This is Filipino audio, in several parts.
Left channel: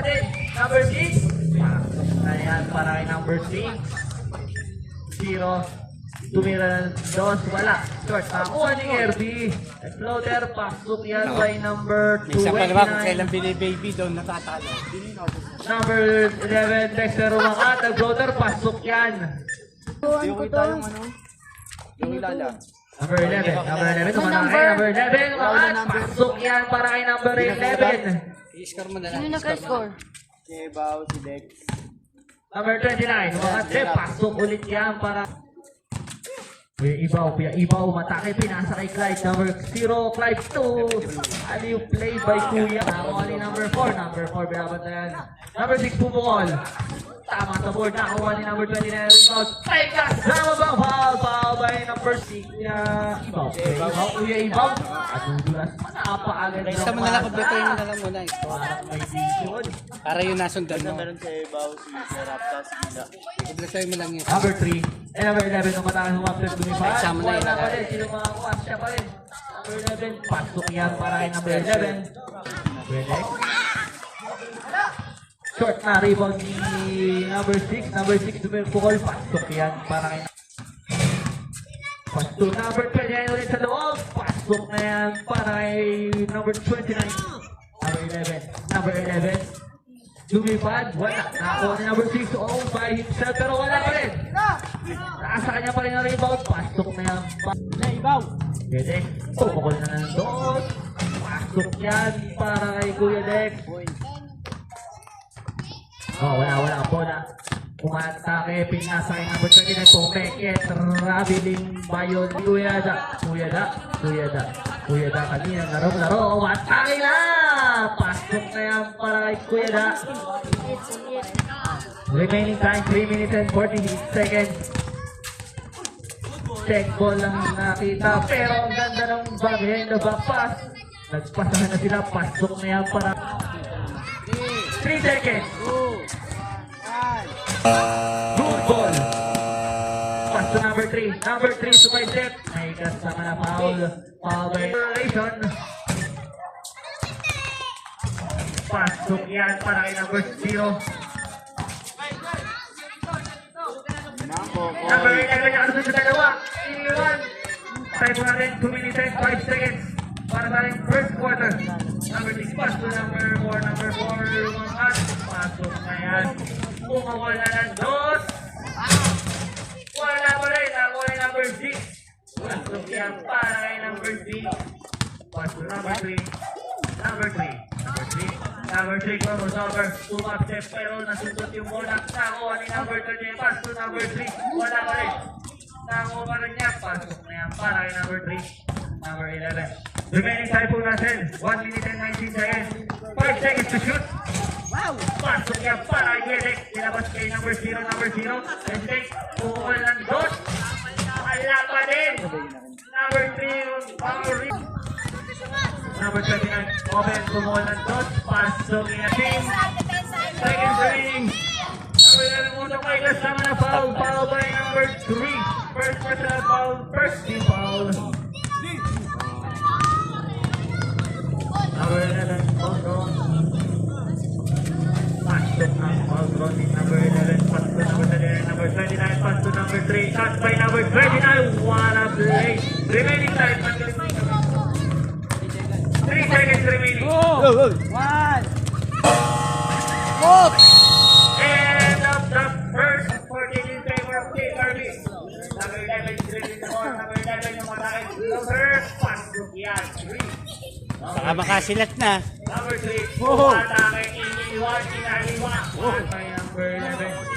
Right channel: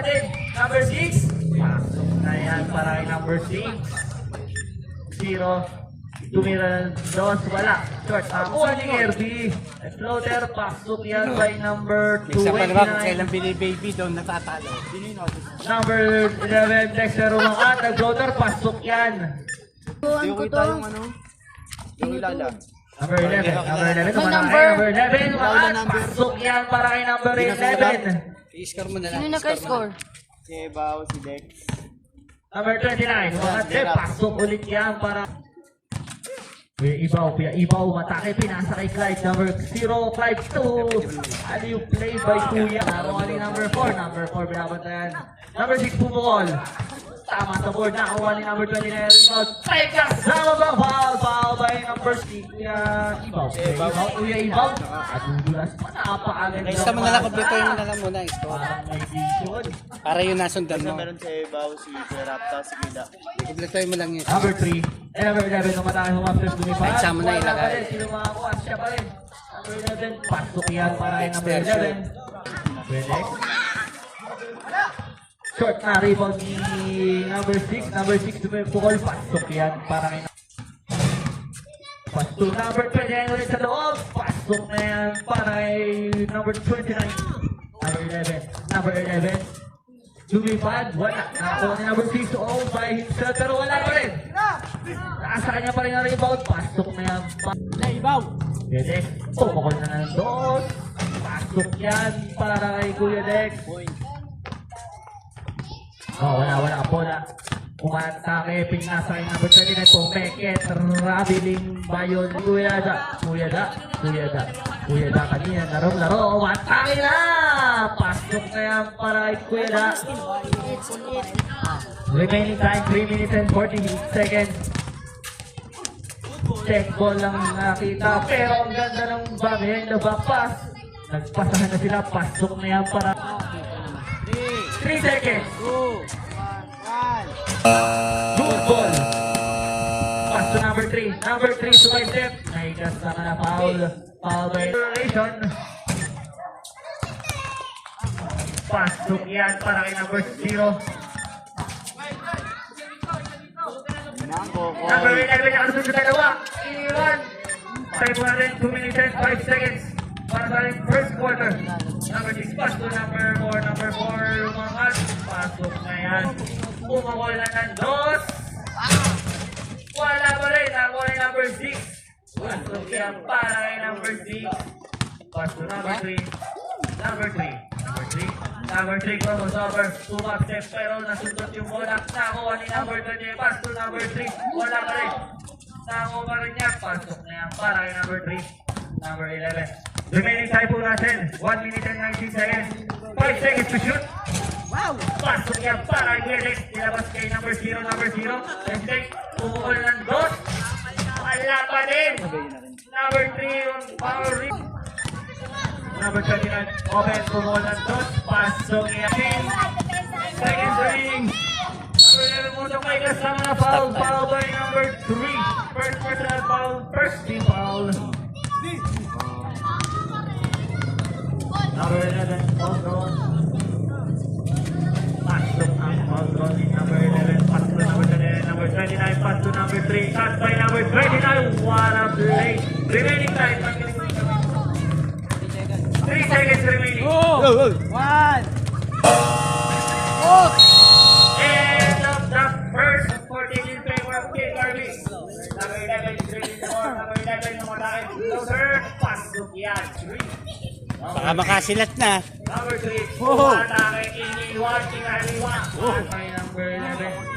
pa din. Number 6. Ayan, para kay number 6. 0. Tumira ng dos, wala. Short, nakuha ni Herbie. Floater, pasok yan by number 2. Minsan pa naman kung kailan binibaby doon natatalo. Number 11, Dexter Rumakat. Nag-floater, pasok yan. Yung kita yung ano, yung ilala. Number 11, number 11, Rumakat. Pasok yan para kay number 11. I-score mo na lang. Sino nag-score? Si Bao, si Dex. Number 29, Rumakat. Pasok ulit yan para... Ibaw, matake, pinasa kay Clyde, number 0, Clyde 2, aliw play by Kuya, nakuha ni number 4, binabat na yan, number 6, pumukol, tama sa board, nakuha ni number 20 na rebound, Trekas, foul by number 6, Kuya Ibaw, at dudulas pa, napakaganda. Isa mo na lang dito yung nalang mo na score. Para yung nasundan mo. Meron si Bao, si Rapta, si Gila. I-blessay mo lang yun. Number 3, number 11, na matake humapit ko ni Paz, Isa mo na ilagay. sino makakuha, siya pa rin, number 11, pasok yan para kay number 11, pwede. Short na rebound ni number 6 tumipukol, pasok yan para kay pasok number 20 yan ulit sa loob, pasok na yan para kay number 29, number 11 lumipad, wala, nakuha ni number 6 all by himself pero wala pa rin, nasa kanya pa rin ang rebound, pasok na yan pwede, pumukol na ng doon, pasok yan para kay Kuya Dex. Wala po na. Umatake, pinasa kay number 29 po. Meket, Rabiling, Bayon, Kuya Da. Kanina, laro. Umatake na! Pasok na yan para kay Kuya Da. Remaining time, 3 minutes and 48 seconds. Check ball lang nakita. Pero ang ganda ng behind the back pass. Nagpasahan na sila. Pasok na yan para 3 seconds. Good ball. Pass to number 3. Number 3 to my step. Naigas na ka na foul. Foul violation. Pasok yan para kay number 0. Number 11 na kasunod sa dalawa. Iniwan. Time mo natin 2 minutes and 5 seconds. Para sa ating first quarter. Number 6 pass to number 4. Umangat. Pasok na yan. Pumukol na ng dos. Wala pa rin. Ako ay number 6. Pasok yan para kay number 6. Pass to number 3. Number 3 crossover. 2 up step pero nasundot yung bola. Nakuha ni number 30. Pass to number 3. Wala pa rin. Nakuha pa rin niya. Pasok na yan para kay number 3. Number 11. Remaining time po natin. 1 minute and 19 seconds. 5 seconds to shoot. Pasok yan para kay Gledex. Nilabas kay number 0. Gledex. Pumukol ng dos. Wala pa rin. Number 3 yung power ring. Number 29. Open. Pumukol ng dos. Pasok yan. 10 seconds remaining. Number 11 mo itong may last naman na foul. Foul by number 3. First personal foul. First team foul. Number 11. Number 29, pass to number 3, shot by number 29, what a play. Remaining time, 3 seconds remaining. End of the first 14 in favor of KRB. Number 11 is ready to score. Number 11 umatake. The first pass to yan, 3. Baka makasilat na. Number 3, umatake, iniwan, inaliwa. Shot by number 11.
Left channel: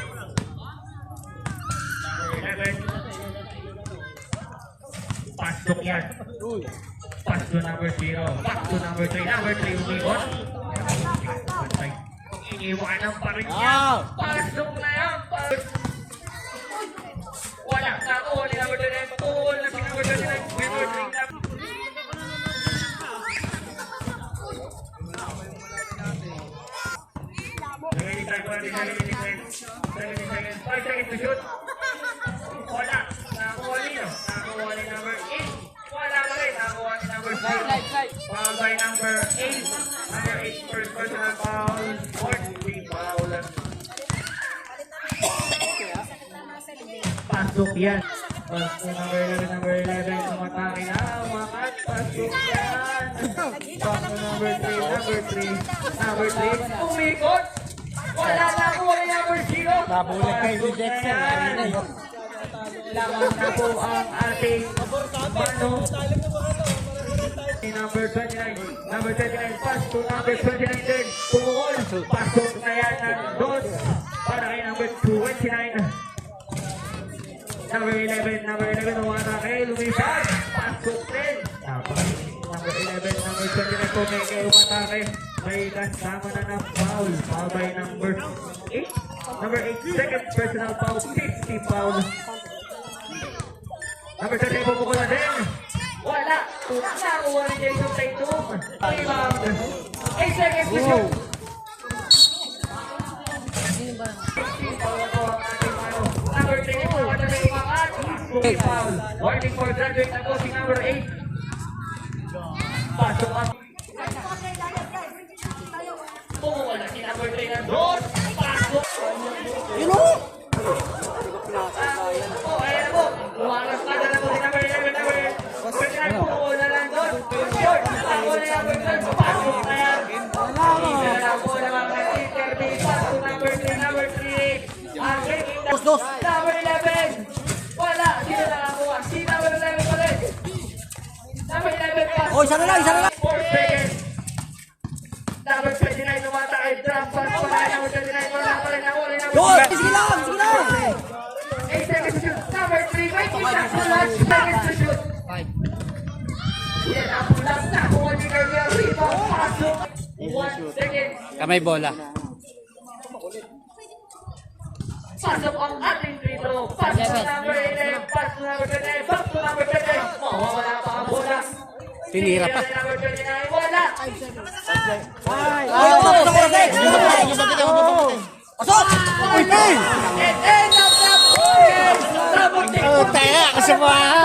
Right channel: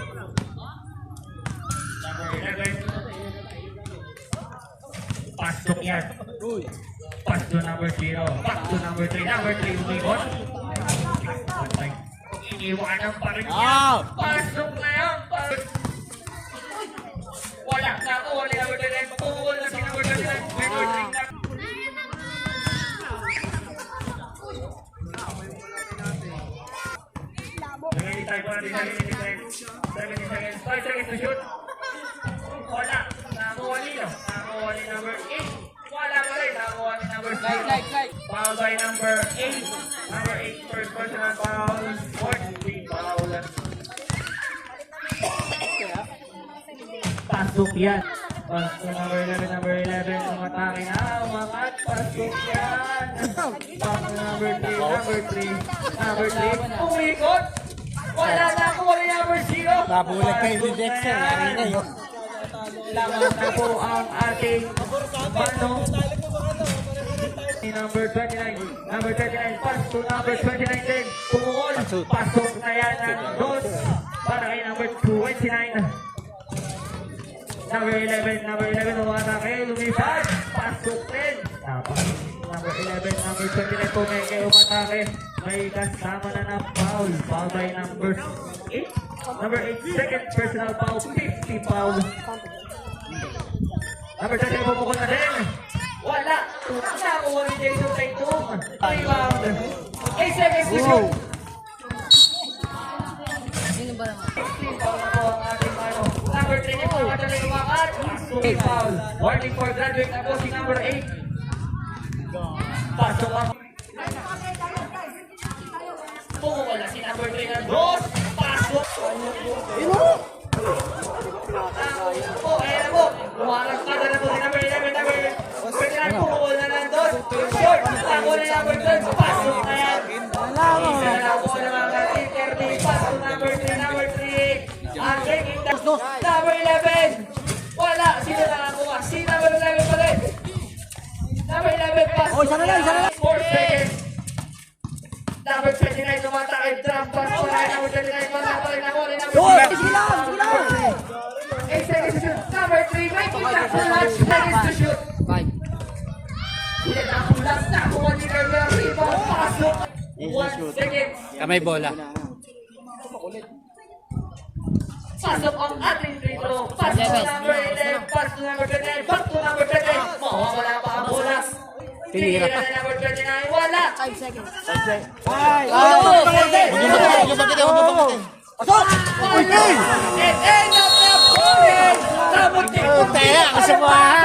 Pasok yan. Pass to number 0. Back to number 3. Number 3 umikot. Iniwanan pa rin niya. Pasok na yan. Wala na ako. Number 3. Pumukol na si number 3. Number 3 na. Remaining time for the 70 seconds. 5 seconds to shoot. Wala. Nakuha niya. Nakuha ni number 8. Wala pa rin. Nakuha ni number 5. Foul by number 8. Number 8 first personal foul. Fourth. yan. Pass to number 11, umatake na, umangat, pasok yan. Pass to number 3, umikot. Wala na po rin number 0. Nabulag kayo ni Dexter. Kanina yun. Lamang na po ang ating number 29, pass to number 29 din. Tungkol, pasok na yan ng dos para kay number 29. Number 11, umata kayo, lumipad, pasok din. Number 11, number 29, tunay kayo umata kayo. May kasama na ng foul by number 8. Number 8, second personal foul, 50 foul. Number 30, pupukul na din. Wala. Wala. Uwari day to take 2. Rebound. 8 seconds to shoot. 16 foul po ang ating number 3 po. At ang ibangan. 2 foul. Warning for graduate na po si number 8. Pasok ang wala si number 3 na dos. Pasok. Number 11. Wala. Sino na lang bukas? Si number 11 pa rin. Number 11 pass. Oh, isa na lang. 4 seconds. Number 29 tumatay. Drop pass. Number 29 tumatay. Nahuli. Sige lang. 8 seconds to shoot. Number 3 making that clutch. Seconds to shoot. 5. Yan ang pulas na kung hindi kayo rito. Pasok. 1 second. Kamay bola. Pasok ang ating free throw. Pass to number 11. Pass to number 10. Pass to number 10. Wala pa ang bulas. Tinira pa. Number 39. Wala. Uy! And end of the point. Oh, taya kasi mo ah.